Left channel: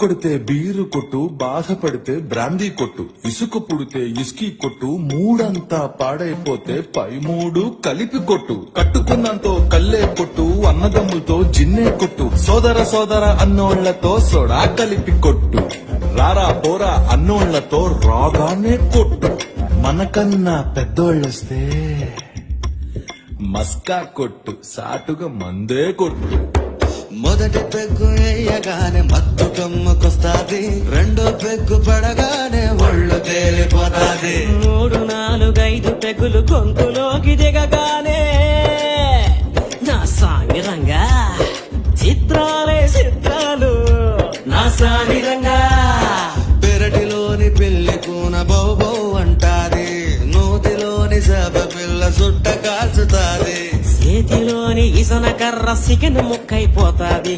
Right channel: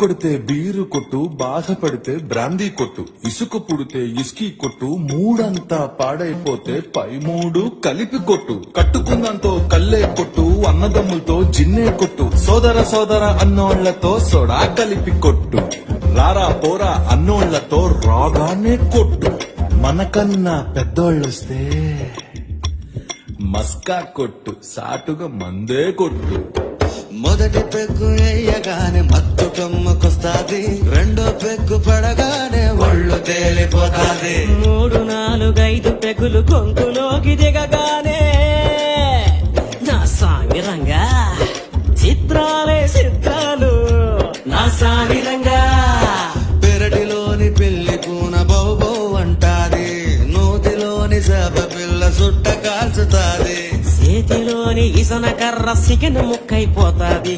కొడితే బీరు కొట్టు, బాధపడితే బ్రాందీ కొట్టు, ఇసుక పుడితే ఇస్కీ కొట్టు, మూడంతా పాడైపోతే పై మూడు కలిపి కొట్టు, కట్టుకున్నంతో కల్లే కొట్టు, అన్నదమ్ములతో జిన్నే కొట్టు, సోదర సోదర అన్నోళ్లతో సోడా కలిపి కొట్టు, రారా పోరా అన్నోళ్లతో రాగానే కొట్టు, మనకన్నా పెద్దోళ్ళొస్తే మస్కా కొట్టు, సాటుగా మందే కొట్టు. మొదటి పెగ్గు వేయగానే మత్తు కమ్ముకొస్తాది, రెండో పెగ్గు పడగానే ఒళ్ళు తేలిపోతాది, 3, 4, 5 పెగ్గులు గొంతులోకి దిగగానే నా సామిరంగా చిత్రాలే చిత్రాలు, నా సామిరంగా పెరటిలోని పెళ్లి కూన బౌబౌ అంటాది, నూతిలోని చేప పిల్ల సుట్ట కాల్చుతాది, చేతిలోని ఇసన కర్ర సికెన్ ముక్కైపోతాది.